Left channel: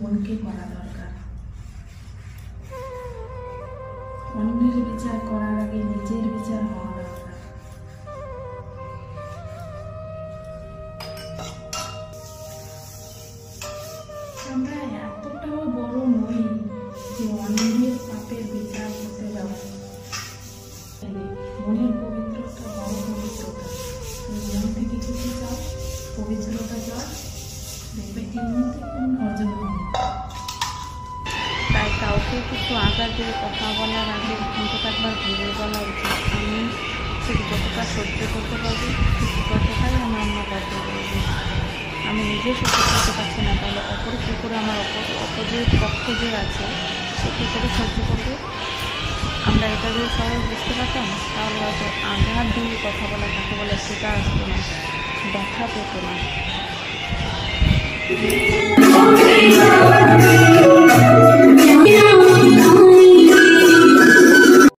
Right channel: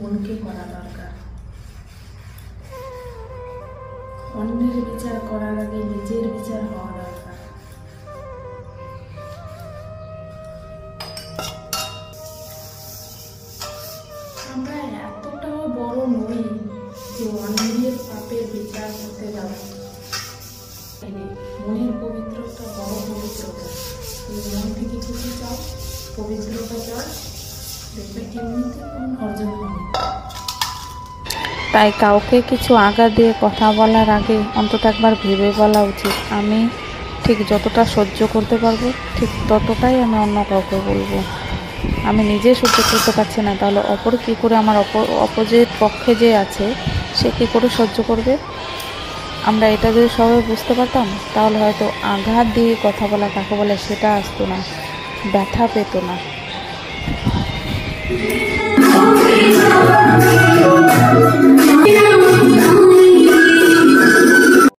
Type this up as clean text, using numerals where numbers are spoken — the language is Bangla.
মনকে করা দরকার। অন্যের বিচার করার আগে নিজের বিচার হওয়া দরকার। আমরা এতটাও বড় নই যে অন্যের পাপের বিচার করতে যাব। মনের পবিত্রতা বড় পবিত্রতা। তুমি মন থেকে যদি চাও পবিত্রতা চাও, দেখবে এমনিতে কোন অর্জন হবে। তাই কাউকে কিছু আঘাত দিয়ে কথা বলার আগে অন্তত একবার ভেবে বলা উচিত। আমি ঠিক যতটা সহ্য করতে পারবো ঠিক ততটাই আমি অন্য কাউকে বলবো। আমি নিজে সহ্য করতে পারছি না, তাহলে অপর কী করে, আমার অপোজিট পক্ষে যে আছে সে কী করে সহ্য করবে। আমরা এটা যদি সবাই বুঝতে পারতাম তাহলে হয়তো আঘাত দিয়ে কথা বলা কাকে বলে সেটা আসতো না, ব্যথা পেত না।